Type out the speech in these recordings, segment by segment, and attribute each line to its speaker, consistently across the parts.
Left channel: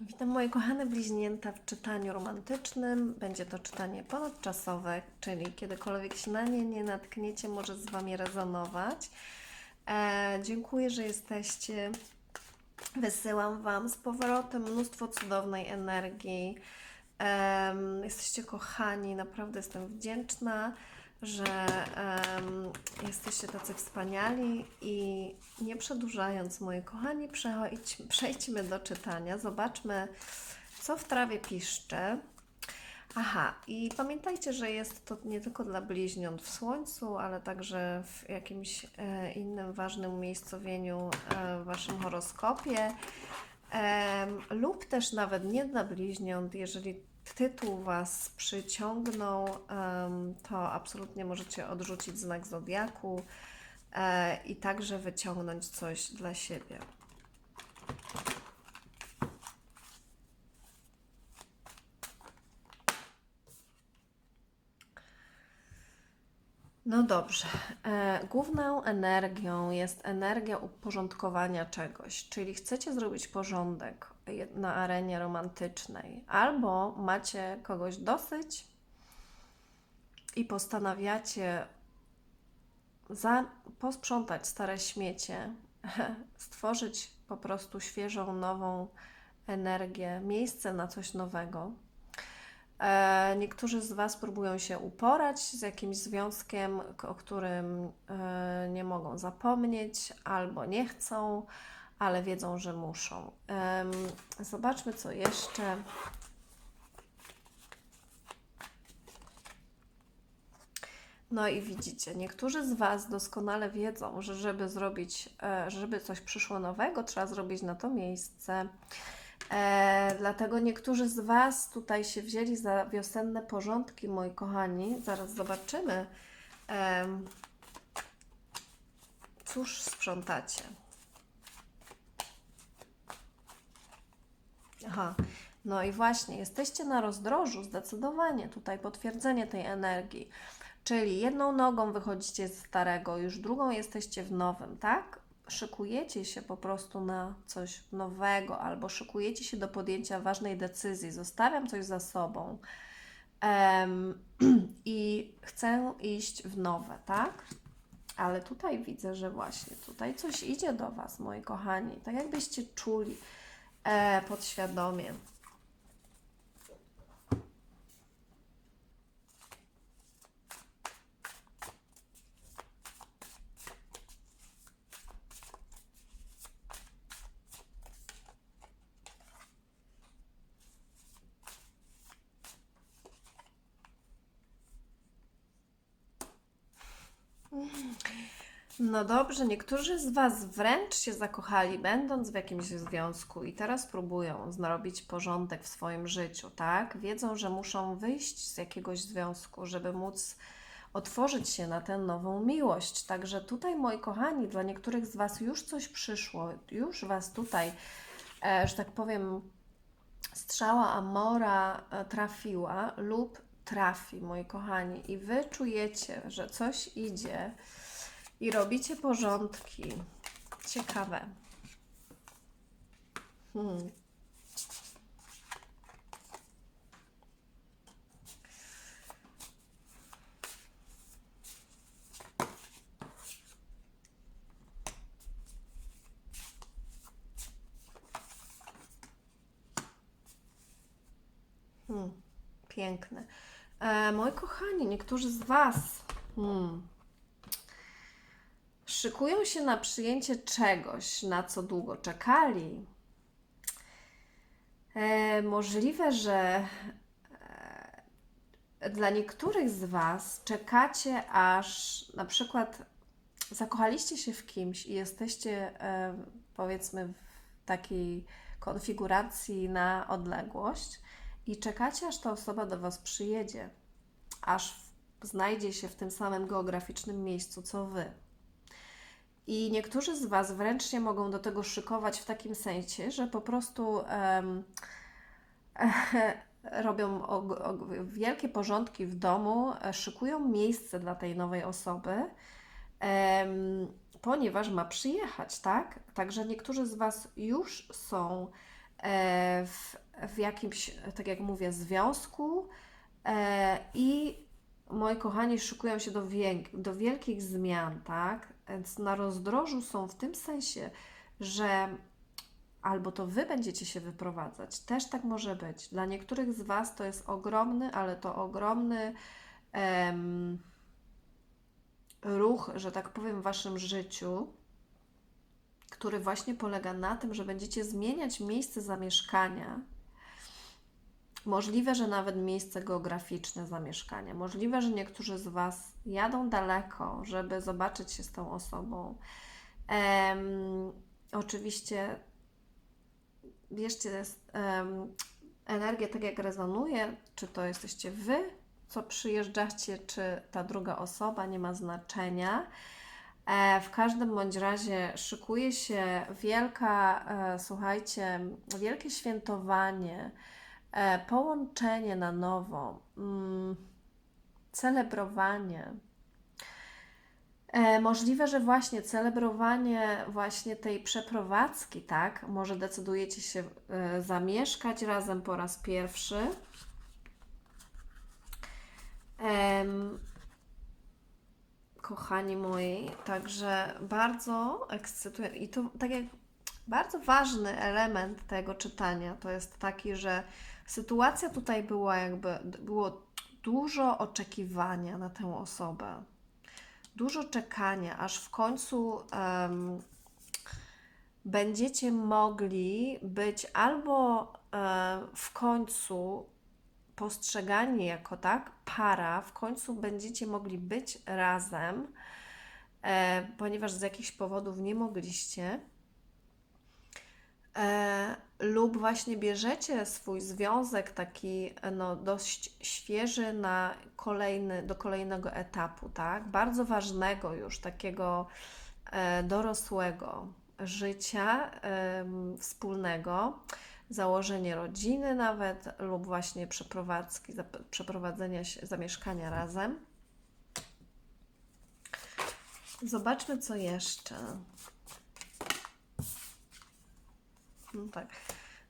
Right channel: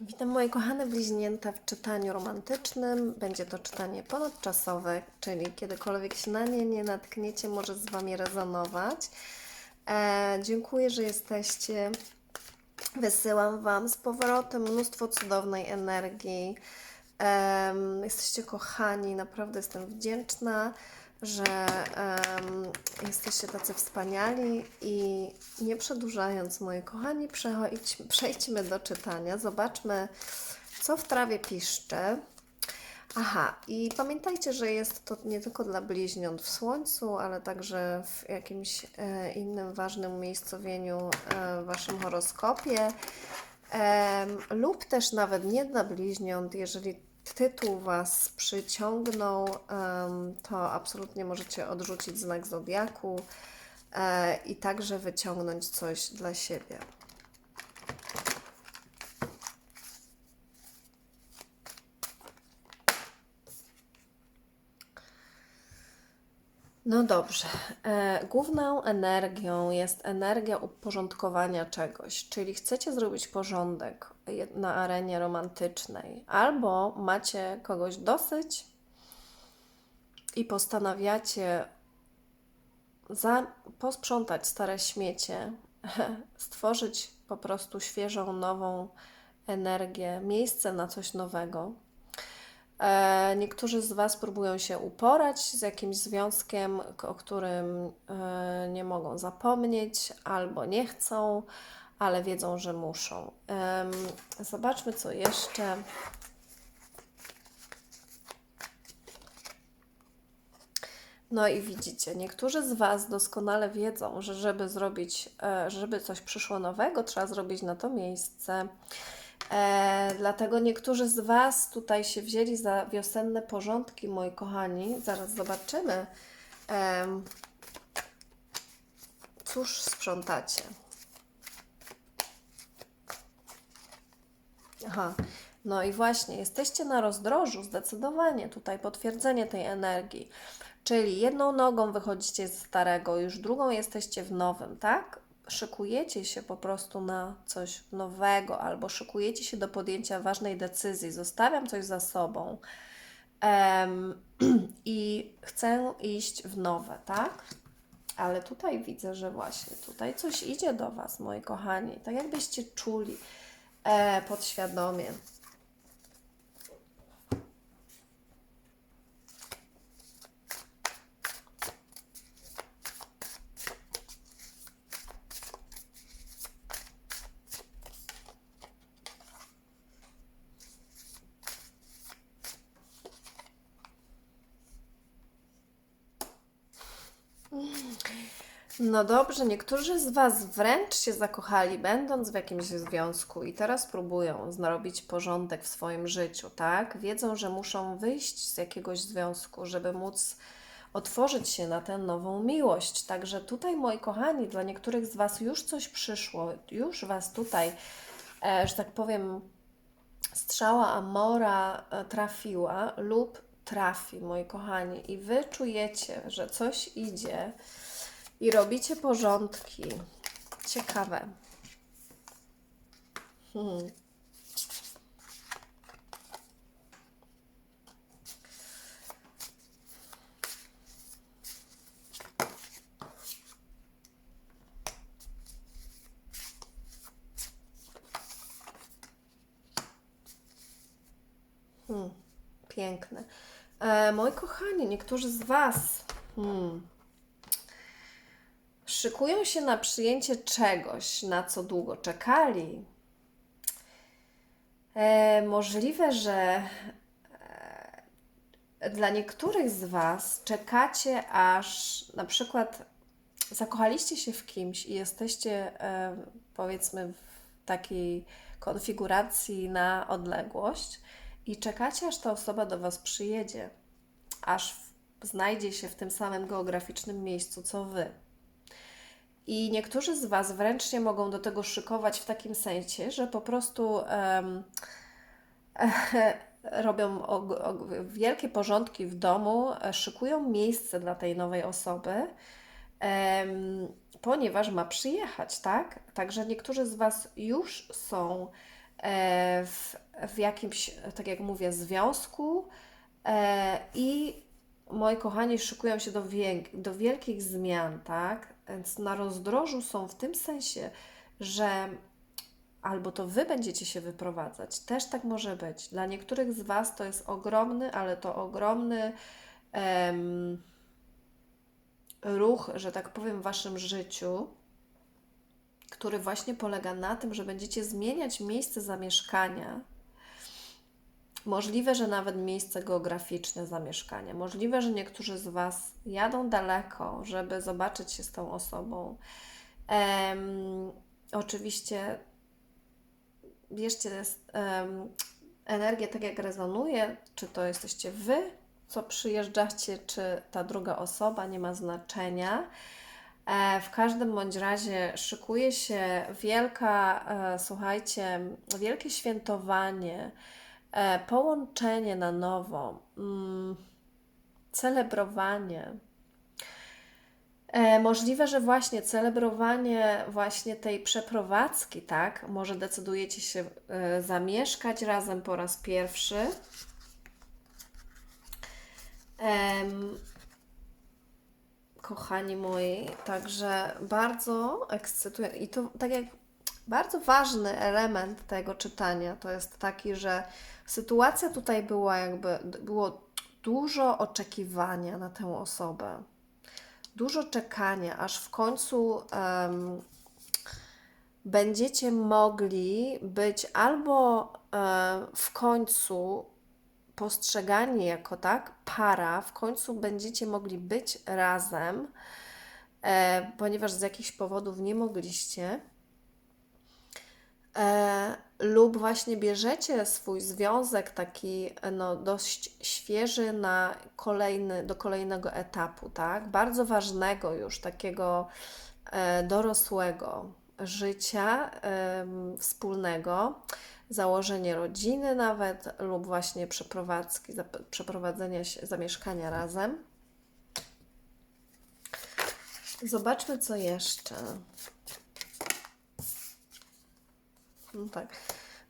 Speaker 1: Witam moje kochane bliźnięta w czytaniu romantycznym. Będzie to czytanie ponadczasowe, czyli kiedykolwiek się na nie nie natkniecie, może z Wami rezonować. E, dziękuję, że jesteście. Wysyłam Wam z powrotem mnóstwo cudownej energii. Em, jesteście kochani, naprawdę jestem wdzięczna, że em, jesteście tacy wspaniali i nie przedłużając, moi kochani, przejdźmy do czytania. Zobaczmy, co w trawie piszczy. Aha, i pamiętajcie, że jest to nie tylko dla bliźniąt w Słońcu, ale także w jakimś e, innym ważnym umiejscowieniu e, w Waszym horoskopie, Em, lub też nawet nie dla bliźniąt, jeżeli tytuł Was przyciągnął, to absolutnie możecie odrzucić znak zodiaku e, i także wyciągnąć coś dla siebie. No dobrze. E, główną energią jest energia uporządkowania czegoś, czyli chcecie zrobić porządek na arenie romantycznej, albo macie kogoś dosyć i postanawiacie za, posprzątać stare śmiecie, stworzyć po prostu świeżą, nową energię, miejsce na coś nowego. E, Niektórzy z Was próbują się uporać z jakimś związkiem, o którym e, nie mogą zapomnieć albo nie chcą, ale wiedzą, że muszą. Zobaczmy, co jeszcze. No i widzicie, niektórzy z Was doskonale wiedzą, że żeby zrobić, e, żeby coś przyszło nowego, trzeba zrobić na to miejsce. E, dlatego niektórzy z Was tutaj się wzięli za wiosenne porządki, moi kochani. Zaraz zobaczymy. Em, cóż sprzątacie? Aha, no i właśnie, jesteście na rozdrożu, zdecydowanie tutaj potwierdzenie tej energii. Czyli jedną nogą wychodzicie z starego, już drugą jesteście w nowym, tak? Szykujecie się po prostu na coś nowego, albo szykujecie się do podjęcia ważnej decyzji. Zostawiam coś za sobą em, i chcę iść w nowe, tak? Ale tutaj widzę, że właśnie tutaj coś idzie do Was, moi kochani. Tak jakbyście czuli podświadomie. No dobrze, niektórzy z Was wręcz się zakochali, będąc w jakimś związku i teraz próbują zrobić porządek w swoim życiu, tak? Wiedzą, że muszą wyjść z jakiegoś związku, żeby móc otworzyć się na tę nową miłość. Także tutaj, moi kochani, dla niektórych z Was już coś przyszło, już Was tutaj, e, że tak powiem, strzała Amora e, trafiła lub trafi, moi kochani, i Wy czujecie, że coś idzie i robicie porządki. Ciekawe. Hmm. Hmm. Piękne. E, moi kochani, niektórzy z Was hmm, szykują się na przyjęcie czegoś, na co długo czekali. E, możliwe, że e, dla niektórych z Was czekacie, aż na przykład zakochaliście się w kimś i jesteście, e, powiedzmy, w takiej konfiguracji na odległość i czekacie, aż ta osoba do Was przyjedzie, aż w, znajdzie się w tym samym geograficznym miejscu co Wy. I niektórzy z Was wręcz się mogą do tego szykować w takim sensie, że po prostu em, robią wielkie porządki w domu, e, szykują miejsce dla tej nowej osoby, em, ponieważ ma przyjechać, tak? Także niektórzy z Was już są e, w, w jakimś, tak jak mówię, związku e, i moi kochani szykują się do, wiek, do wielkich zmian, tak? Więc na rozdrożu są w tym sensie, że albo to Wy będziecie się wyprowadzać, też tak może być. Dla niektórych z Was to jest ogromny, ale to ogromny em, ruch, że tak powiem, w Waszym życiu, który właśnie polega na tym, że będziecie zmieniać miejsce zamieszkania. Możliwe, że nawet miejsce geograficzne zamieszkania. Możliwe, że niektórzy z Was jadą daleko, żeby zobaczyć się z tą osobą. Em, oczywiście, wierzcie, jest em, energia tak jak rezonuje, czy to jesteście Wy, co przyjeżdżacie, czy ta druga osoba, nie ma znaczenia. E, W każdym bądź razie szykuje się wielka, e, słuchajcie, wielkie świętowanie, połączenie na nowo, mm, celebrowanie. E, Możliwe, że właśnie celebrowanie właśnie tej przeprowadzki, tak? Może decydujecie się e, zamieszkać razem po raz pierwszy. Kochani moi, także bardzo ekscytuje i to tak jak bardzo ważny element tego czytania to jest taki, że sytuacja tutaj była jakby, było dużo oczekiwania na tę osobę, dużo czekania, aż w końcu em, będziecie mogli być albo e, w końcu postrzegani jako tak para, w końcu będziecie mogli być razem, e, ponieważ z jakichś powodów nie mogliście, e, lub właśnie bierzecie swój związek taki no, dość świeży na kolejny, do kolejnego etapu, tak? Bardzo ważnego już, takiego e, dorosłego życia em, wspólnego założenie rodziny nawet lub właśnie przeprowadzki, przeprowadzenia się, zamieszkania razem. Zobaczmy, co jeszcze. No tak.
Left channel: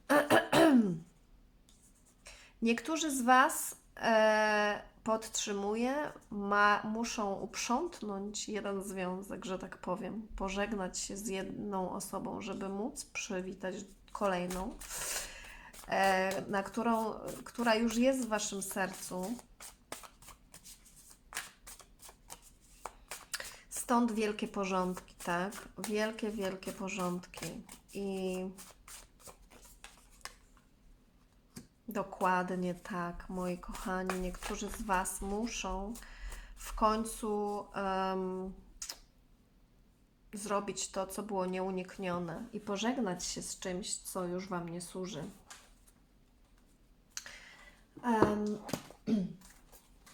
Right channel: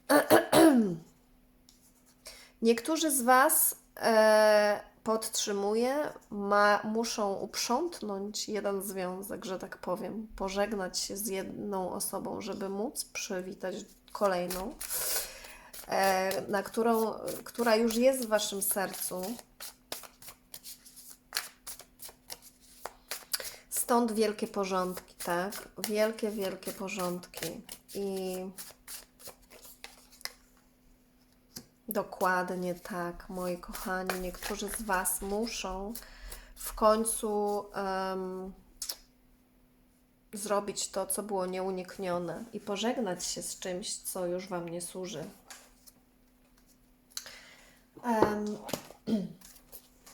Speaker 1: Niektórzy z Was e, ma, muszą uprzątnąć jeden związek, że tak powiem, pożegnać się z jedną osobą, żeby móc przywitać kolejną, e, na którą, która już jest w Waszym sercu. Stąd wielkie porządki, tak? Wielkie, wielkie porządki. I dokładnie tak, moi kochani. Niektórzy z Was muszą w końcu em, zrobić to, co było nieuniknione i pożegnać się z czymś, co już Wam nie służy. Em,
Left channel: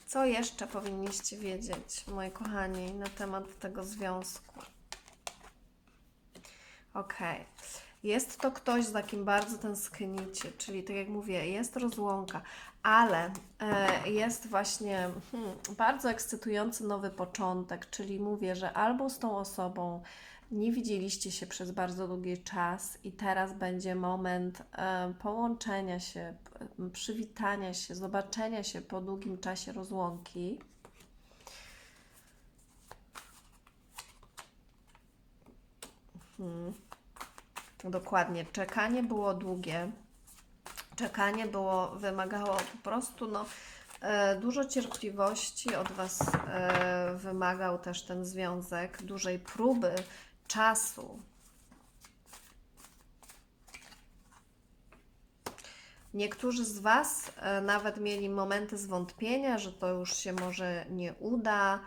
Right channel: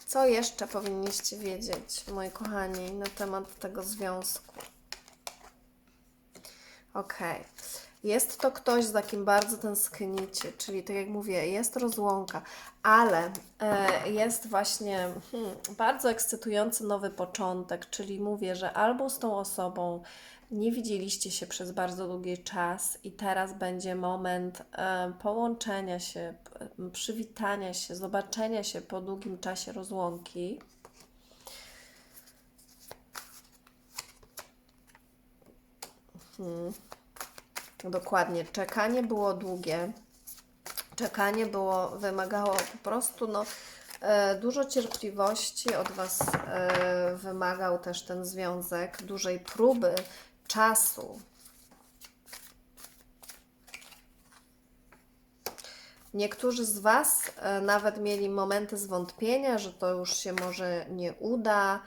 Speaker 1: co jeszcze powinniście wiedzieć, moi kochani, na temat tego związku? Okej. Jest to ktoś, za kim bardzo tęsknicie, czyli tak jak mówię, jest rozłąka, ale e, jest właśnie hmm, bardzo ekscytujący nowy początek, czyli mówię, że albo z tą osobą nie widzieliście się przez bardzo długi czas i teraz będzie moment e, połączenia się, przywitania się, zobaczenia się po długim czasie rozłąki. Hmm. Dokładnie. Czekanie było długie. Czekanie było, wymagało po prostu no, e, dużo cierpliwości od Was e, wymagał też ten związek, dużej próby, czasu. Niektórzy z Was e, nawet mieli momenty zwątpienia, że to już się może nie uda.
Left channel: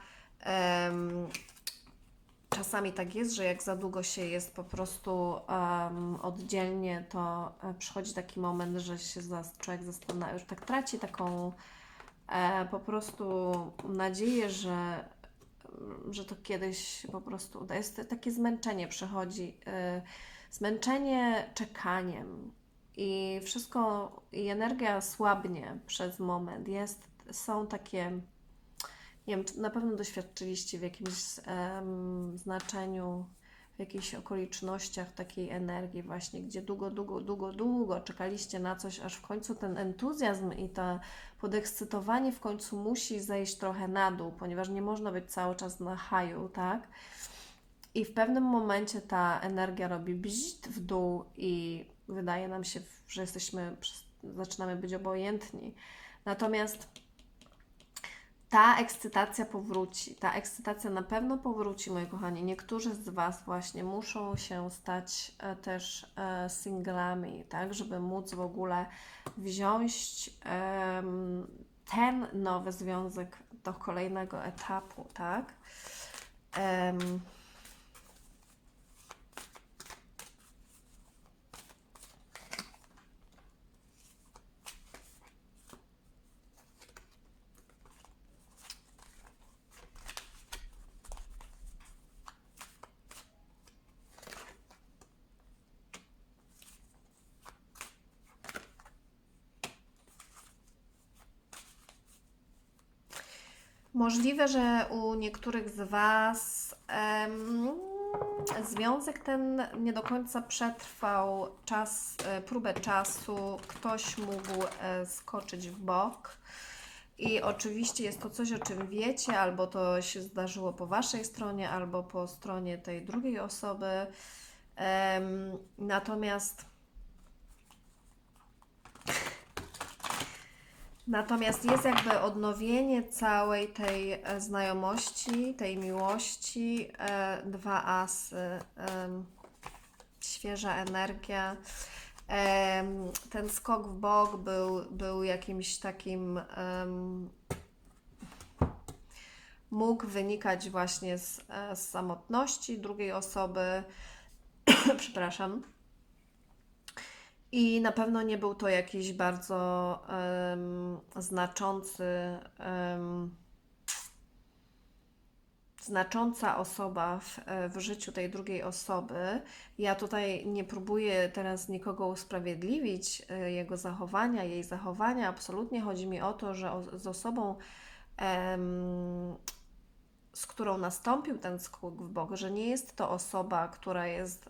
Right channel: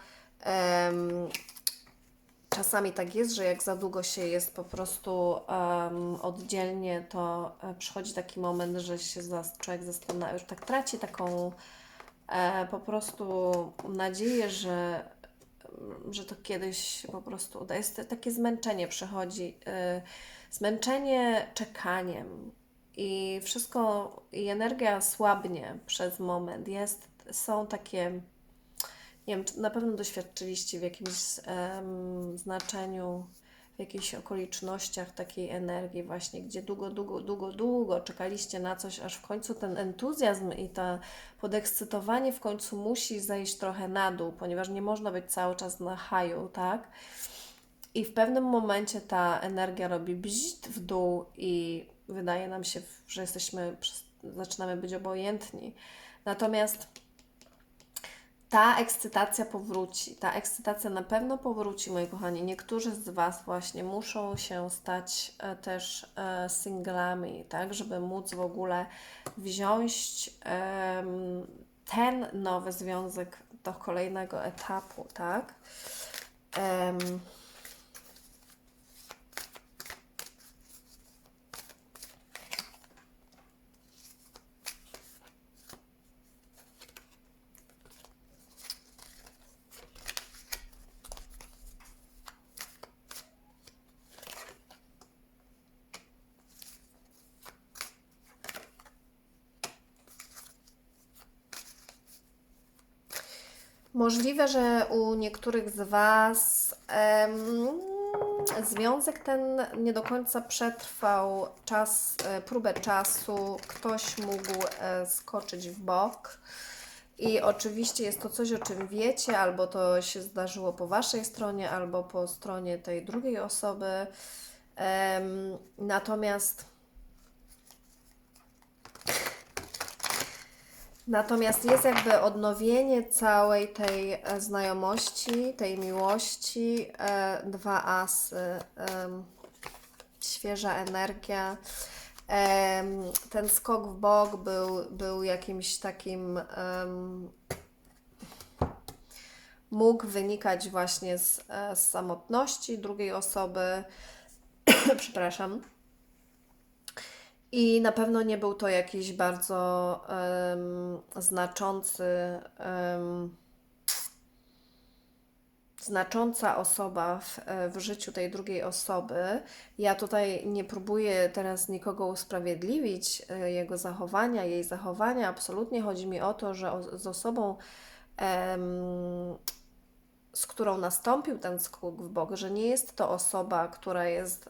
Speaker 1: Czasami tak jest, że jak za długo się jest po prostu em, oddzielnie, to e, przychodzi taki moment, że się człowiek zastanawia, już tak traci taką e, po prostu nadzieję, że, że to kiedyś po prostu uda. Jest takie zmęczenie przychodzi, e, zmęczenie czekaniem i wszystko, i energia słabnie przez moment. Jest, są takie nie wiem, na pewno doświadczyliście w jakimś em, znaczeniu w jakichś okolicznościach takiej energii właśnie, gdzie długo, długo, długo, długo czekaliście na coś, aż w końcu ten entuzjazm i to podekscytowanie w końcu musi zejść trochę na dół, ponieważ nie można być cały czas na haju, tak? I w pewnym momencie ta energia robi bzzt w dół i wydaje nam się, że jesteśmy, zaczynamy być obojętni. Natomiast ta ekscytacja powróci. Ta ekscytacja na pewno powróci, moi kochani. Niektórzy z Was właśnie muszą się stać e, też e, singlami, tak, żeby móc w ogóle wziąć ten nowy związek do kolejnego etapu, tak. Możliwe, że u niektórych z Was związek ten nie do końca przetrwał czas, e, próbę czasu. Ktoś mógł e, skoczyć w bok. I oczywiście jest to coś, o czym wiecie, albo to się zdarzyło po Waszej stronie, albo po stronie tej drugiej osoby. natomiast Natomiast jest jakby odnowienie całej tej e, znajomości, tej miłości, e, dwa asy, świeża energia. ten skok w bok był, był jakimś takim, mógł wynikać właśnie z, e, z samotności drugiej osoby, przepraszam, i na pewno nie był to jakiś bardzo um, znaczący, um, znacząca osoba w, w życiu tej drugiej osoby. Ja tutaj nie próbuję teraz nikogo usprawiedliwić, e, jego zachowania, jej zachowania. Absolutnie chodzi mi o to, że o, z osobą, um, z którą nastąpił ten skok w bok, że nie jest to osoba, która jest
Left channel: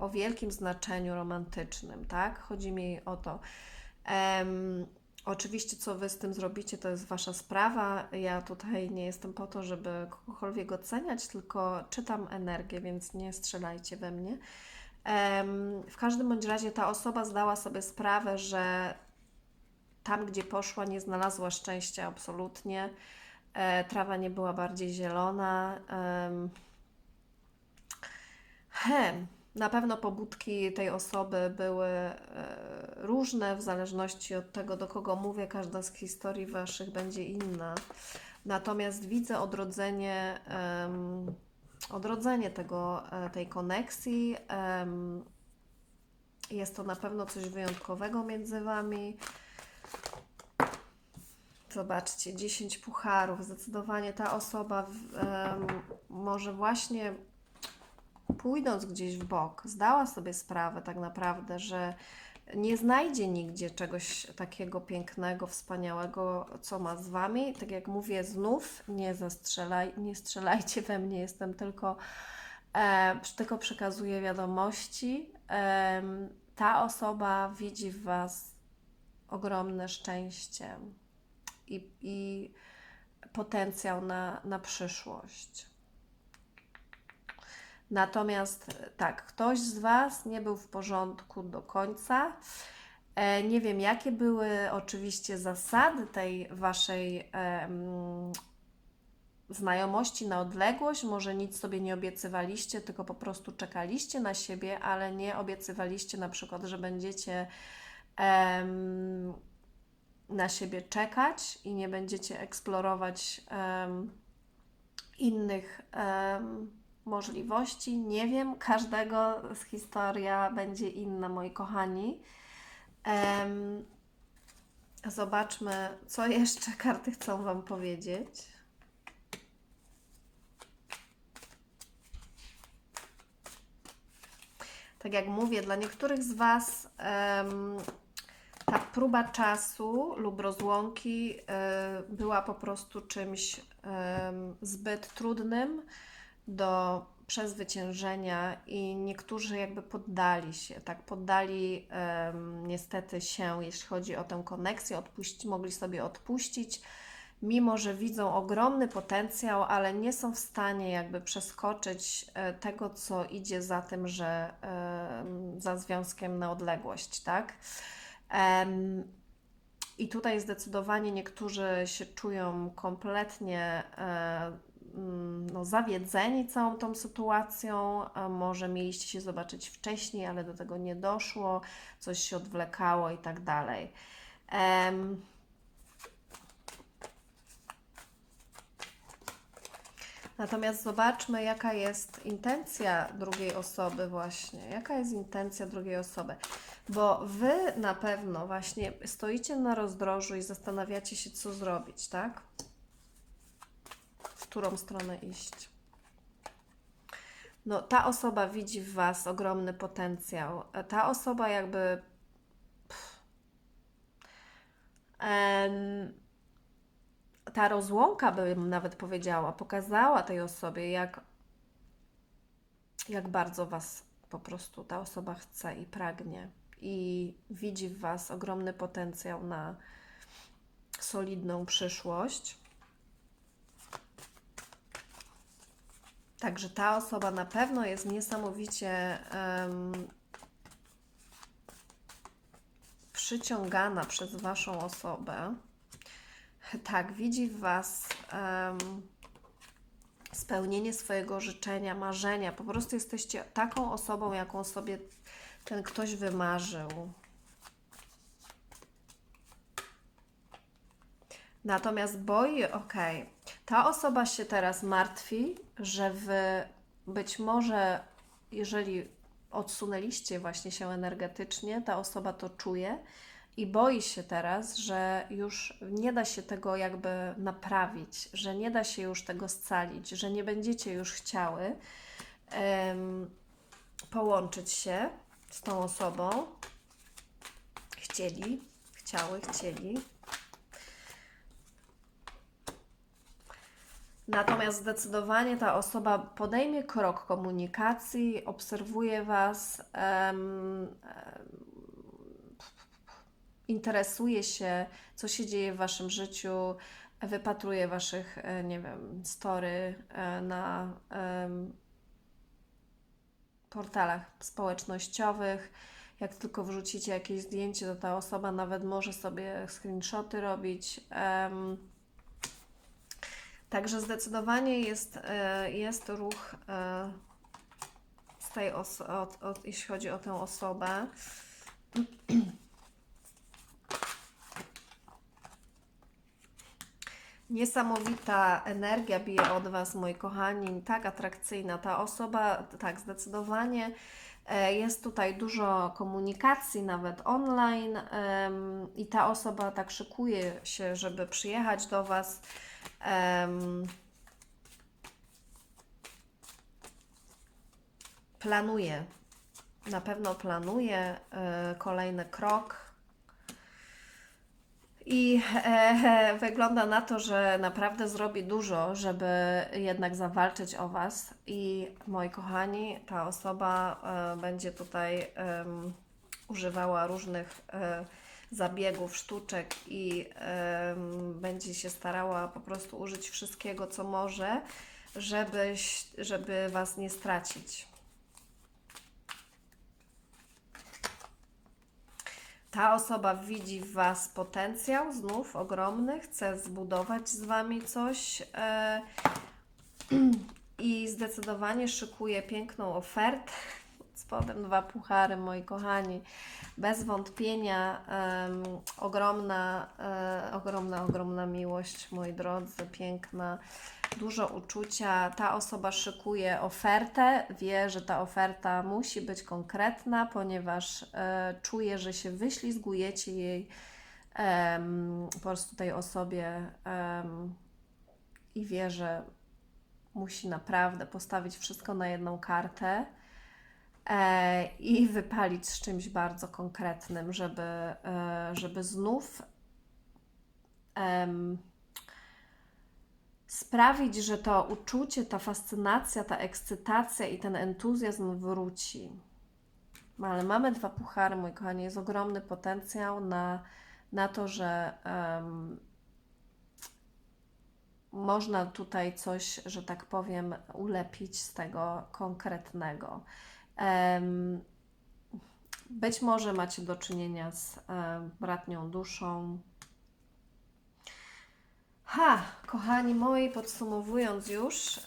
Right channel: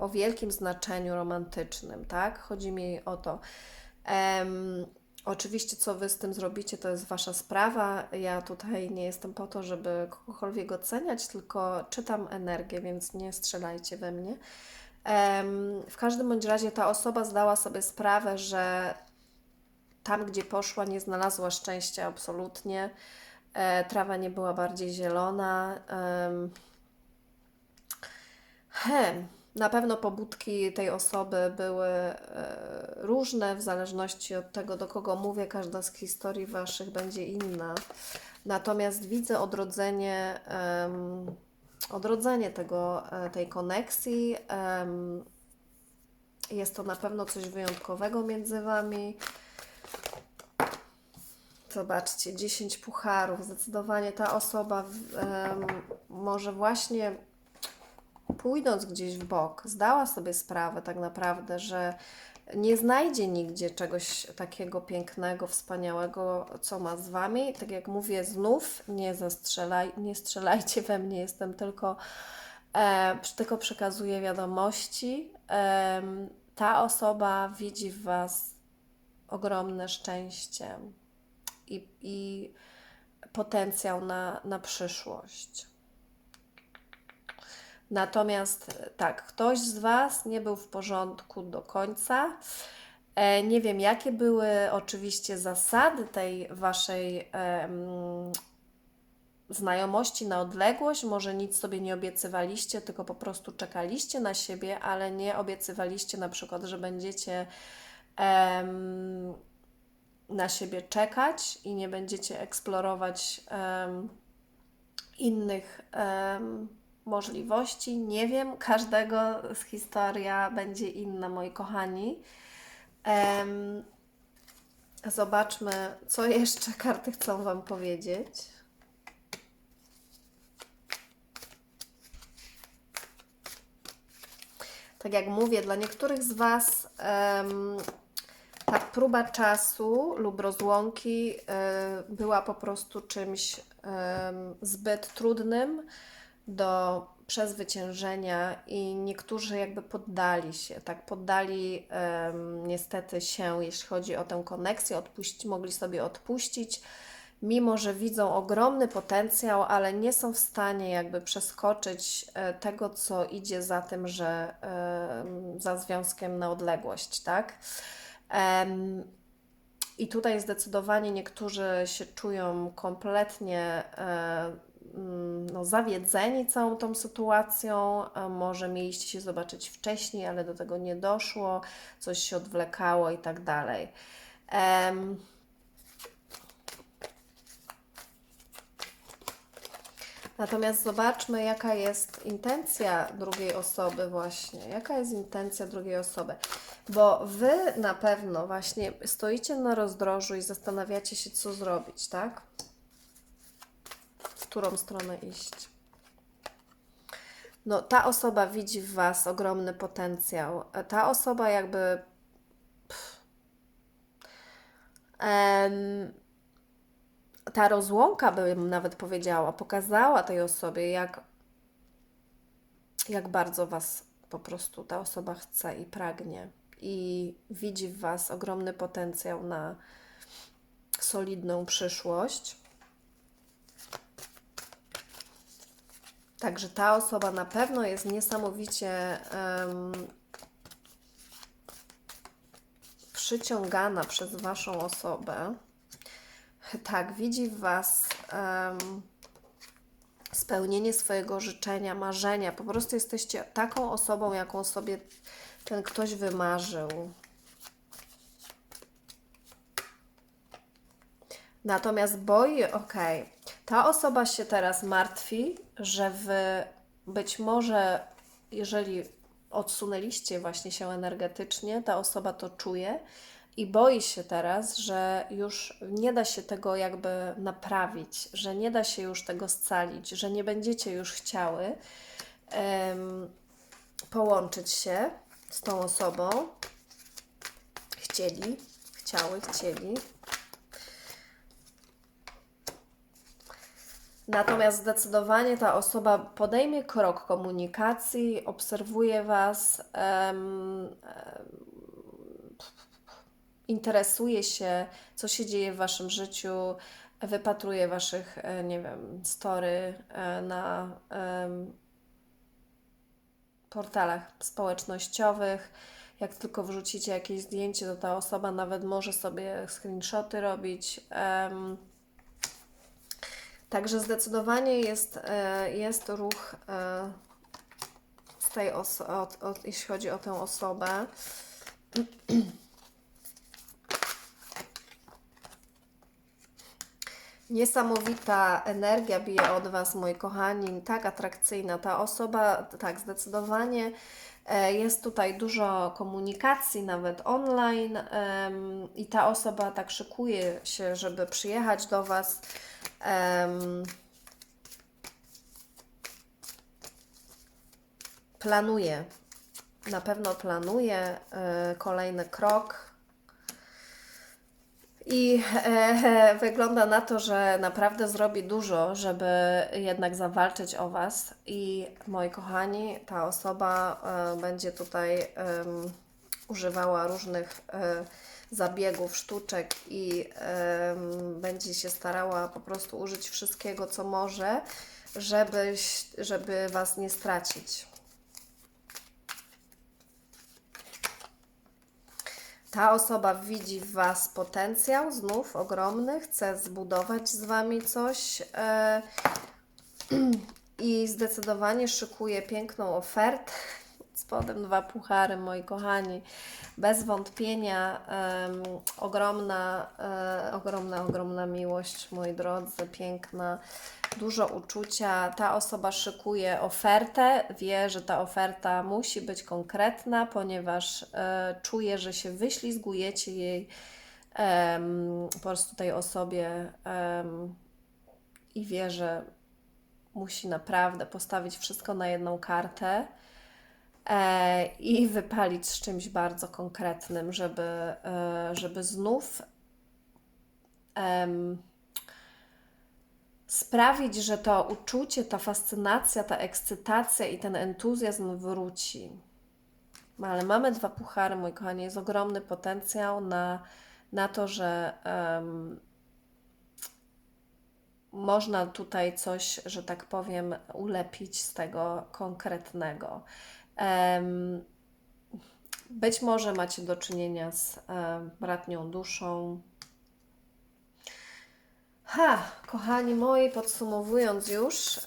Speaker 1: o wielkim znaczeniu romantycznym, tak? Chodzi mi o to. Um, oczywiście, co Wy z tym zrobicie, to jest Wasza sprawa. Ja tutaj nie jestem po to, żeby kogokolwiek oceniać, tylko czytam energię, więc nie strzelajcie we mnie. Um, w każdym bądź razie ta osoba zdała sobie sprawę, że tam, gdzie poszła, nie znalazła szczęścia absolutnie. E, trawa nie była bardziej zielona. Um, na pewno pobudki tej osoby były e, różne w zależności od tego, do kogo mówię. Każda z historii Waszych będzie inna. Natomiast widzę odrodzenie, odrodzenie tego, e, tej koneksji. Jest to na pewno coś wyjątkowego między Wami. Zobaczcie, 10 pucharów. Zdecydowanie ta osoba może właśnie pójdąc gdzieś w bok, zdała sobie sprawę tak naprawdę, że nie znajdzie nigdzie czegoś takiego pięknego, wspaniałego, co ma z Wami. Tak jak mówię, znów nie zastrzelaj, nie strzelajcie we mnie, jestem tylko, e, tylko przekazuję wiadomości. E, ta osoba widzi w Was ogromne szczęście i, i potencjał na, na przyszłość. Natomiast tak, ktoś z Was nie był w porządku do końca. E, nie wiem, jakie były oczywiście zasady tej Waszej znajomości na odległość. Może nic sobie nie obiecywaliście, tylko po prostu czekaliście na siebie, ale nie obiecywaliście na przykład, że będziecie na siebie czekać i nie będziecie eksplorować innych możliwości. Nie wiem, każdego z historia będzie inna, moi kochani. Um, zobaczmy, co jeszcze karty chcą Wam powiedzieć. Tak jak mówię, dla niektórych z Was um, ta próba czasu lub rozłąki y, była po prostu czymś zbyt trudnym do przezwyciężenia i niektórzy jakby poddali się, tak, poddali em, niestety się, jeśli chodzi o tę koneksję, odpuści, mogli sobie odpuścić, mimo że widzą ogromny potencjał, ale nie są w stanie jakby przeskoczyć e, tego, co idzie za tym, że em, za związkiem na odległość, tak? Em, i tutaj zdecydowanie niektórzy się czują kompletnie e, no, zawiedzeni całą tą sytuacją. A Może mieliście się zobaczyć wcześniej, ale do tego nie doszło, coś się odwlekało i tak dalej. Em, Natomiast zobaczmy, jaka jest intencja drugiej osoby, właśnie. Jaka jest intencja drugiej osoby? Bo wy na pewno właśnie stoicie na rozdrożu i zastanawiacie się, co zrobić, tak? Którą stronę iść. No, ta osoba widzi w was ogromny potencjał. Ta osoba jakby. Ta rozłąka, bym nawet powiedziała, pokazała tej osobie, jak, jak bardzo Was po prostu ta osoba chce i pragnie. I widzi w Was ogromny potencjał na solidną przyszłość. Także ta osoba na pewno jest niesamowicie em, przyciągana przez Waszą osobę. Tak, widzi w Was em, spełnienie swojego życzenia, marzenia. Po prostu jesteście taką osobą, jaką sobie ten ktoś wymarzył. Natomiast boi, okej, ta osoba się teraz martwi, że Wy być może, jeżeli odsunęliście właśnie się energetycznie, ta osoba to czuje i boi się teraz, że już nie da się tego jakby naprawić, że nie da się już tego scalić, że nie będziecie już chciały em, połączyć się z tą osobą. Chcieli, chciały, chcieli. Natomiast zdecydowanie ta osoba podejmie krok komunikacji, obserwuje Was, em, interesuje się, co się dzieje w Waszym życiu, wypatruje Waszych, e, nie wiem, story e, na em, portalach społecznościowych. Jak tylko wrzucicie jakieś zdjęcie, to ta osoba nawet może sobie screenshoty robić. Em, Także zdecydowanie jest, e, jest ruch e, z tej oso- od, od, jeśli chodzi o tę osobę. Niesamowita energia bije od Was, moi kochani, tak atrakcyjna. Ta osoba, tak, zdecydowanie e, jest tutaj dużo komunikacji, nawet online, i ta osoba tak szykuje się, żeby przyjechać do Was. Em, planuje, na pewno planuje e, kolejny krok. I e, wygląda na to, że naprawdę zrobi dużo, żeby jednak zawalczyć o Was. I moi kochani, ta osoba e, będzie tutaj używała różnych e, zabiegów, sztuczek i em, będzie się starała po prostu użyć wszystkiego, co może, żebyś, żeby Was nie stracić. Ta osoba widzi w Was potencjał, znów ogromny, chce zbudować z Wami coś e, i zdecydowanie szykuje piękną ofertę. Spodem dwa puchary, moi kochani. Bez wątpienia em, ogromna, e, ogromna, ogromna miłość, moi drodzy, piękna, dużo uczucia. Ta osoba szykuje ofertę, wie, że ta oferta musi być konkretna, ponieważ e, czuje, że się wyślizgujecie jej po prostu tej osobie i wie, że musi naprawdę postawić wszystko na jedną kartę i wypalić z czymś bardzo konkretnym, żeby, e, żeby znów em, sprawić, że to uczucie, ta fascynacja, ta ekscytacja i ten entuzjazm wróci. No, ale mamy dwa puchary, mój kochanie, jest ogromny potencjał na, na to, że em, można tutaj coś, że tak powiem, ulepić z tego konkretnego. Być może macie do czynienia z bratnią duszą. Ha, kochani moi, podsumowując już,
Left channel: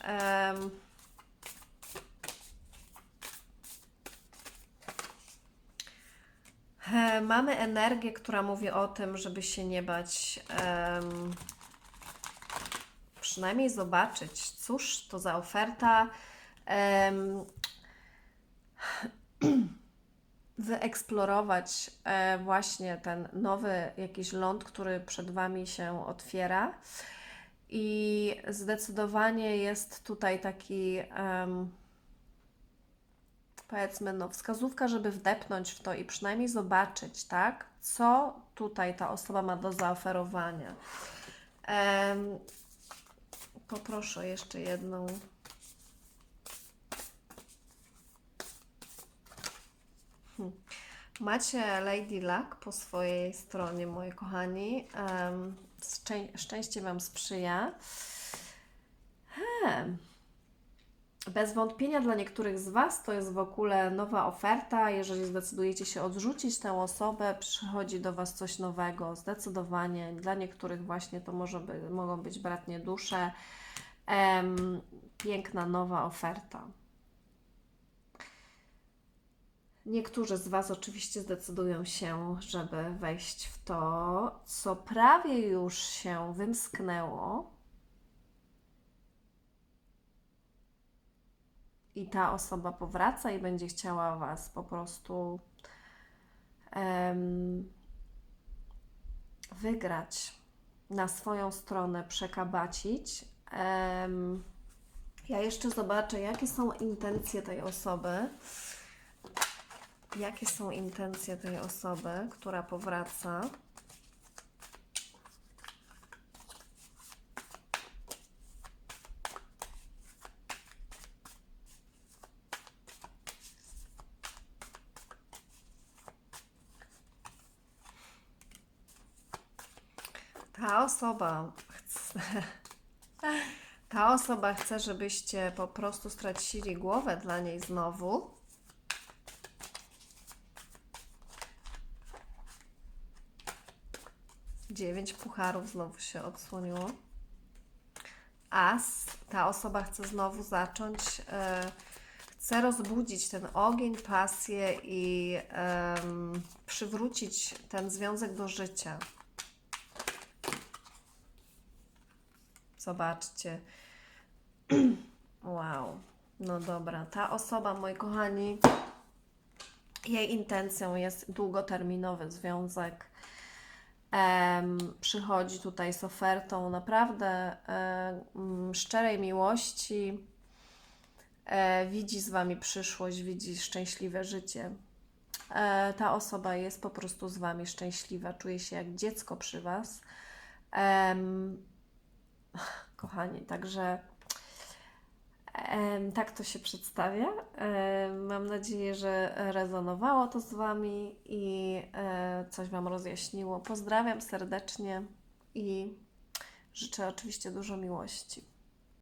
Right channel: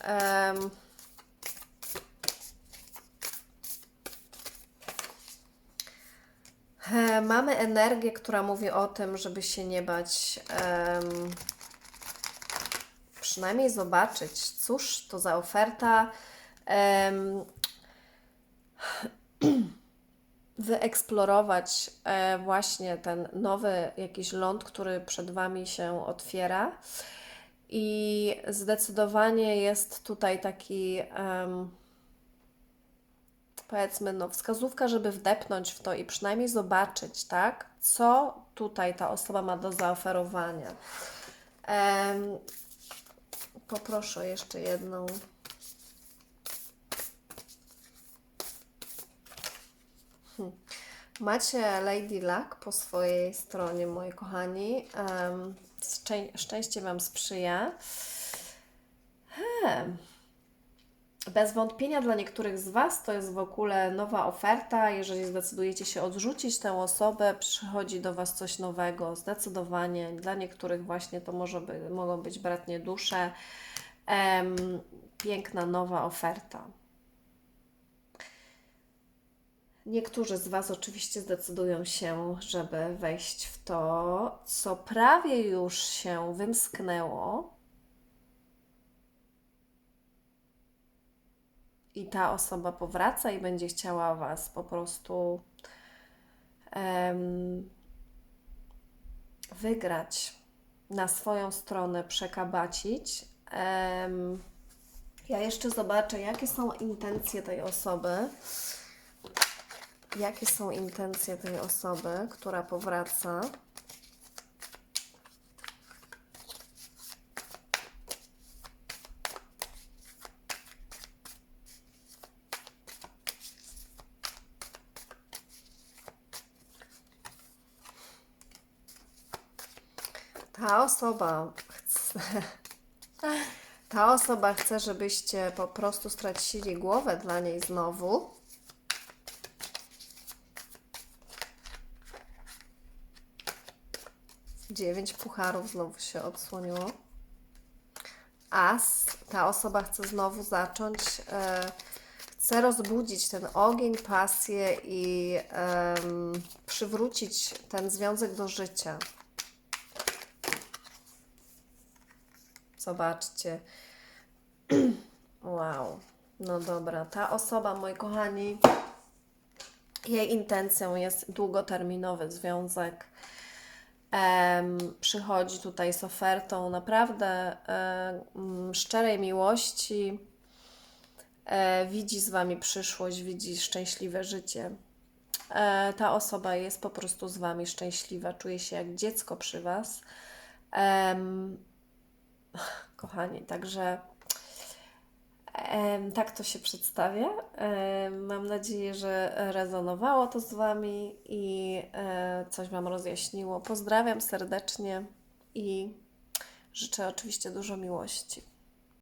Speaker 1: mamy energię, która mówi o tym, żeby się nie bać. em, przynajmniej zobaczyć, cóż to za oferta. em, wyeksplorować e, właśnie ten nowy jakiś ląd, który przed Wami się otwiera. I zdecydowanie jest tutaj taki, em, powiedzmy, no, wskazówka, żeby wdepnąć w to i przynajmniej zobaczyć, tak, co tutaj ta osoba ma do zaoferowania. Em, poproszę jeszcze jedną. Hmm. Macie Lady Luck po swojej stronie, moi kochani. Szczęście Wam sprzyja. Hmm. Bez wątpienia dla niektórych z Was to jest w ogóle nowa oferta. Jeżeli zdecydujecie się odrzucić tę osobę, przychodzi do Was coś nowego, zdecydowanie. Dla niektórych właśnie to może by, mogą być bratnie dusze. Em, piękna nowa oferta. Niektórzy z Was oczywiście zdecydują się, żeby wejść w to, co prawie już się wymsknęło. I ta osoba powraca i będzie chciała Was po prostu em, wygrać na swoją stronę, przekabacić. Em, ja jeszcze zobaczę, jakie są intencje tej osoby. Jakie są intencje tej osoby, która powraca? Ta osoba chce, ta osoba chce, żebyście po prostu stracili głowę dla niej znowu. Dziewięć pucharów znowu się odsłoniło. As, ta osoba chce znowu zacząć, e, chce rozbudzić ten ogień, pasję i em, przywrócić ten związek do życia. Zobaczcie. Wow. No dobra, ta osoba, moi kochani, jej intencją jest długoterminowy związek. Przychodzi tutaj z ofertą naprawdę e, mm, szczerej miłości. E, widzi z Wami przyszłość, widzi szczęśliwe życie. E, ta osoba jest po prostu z Wami szczęśliwa, czuje się jak dziecko przy Was. Kochani, także tak to się przedstawia. Mam nadzieję, że rezonowało to z Wami i e, coś Wam rozjaśniło. Pozdrawiam serdecznie i życzę oczywiście dużo miłości.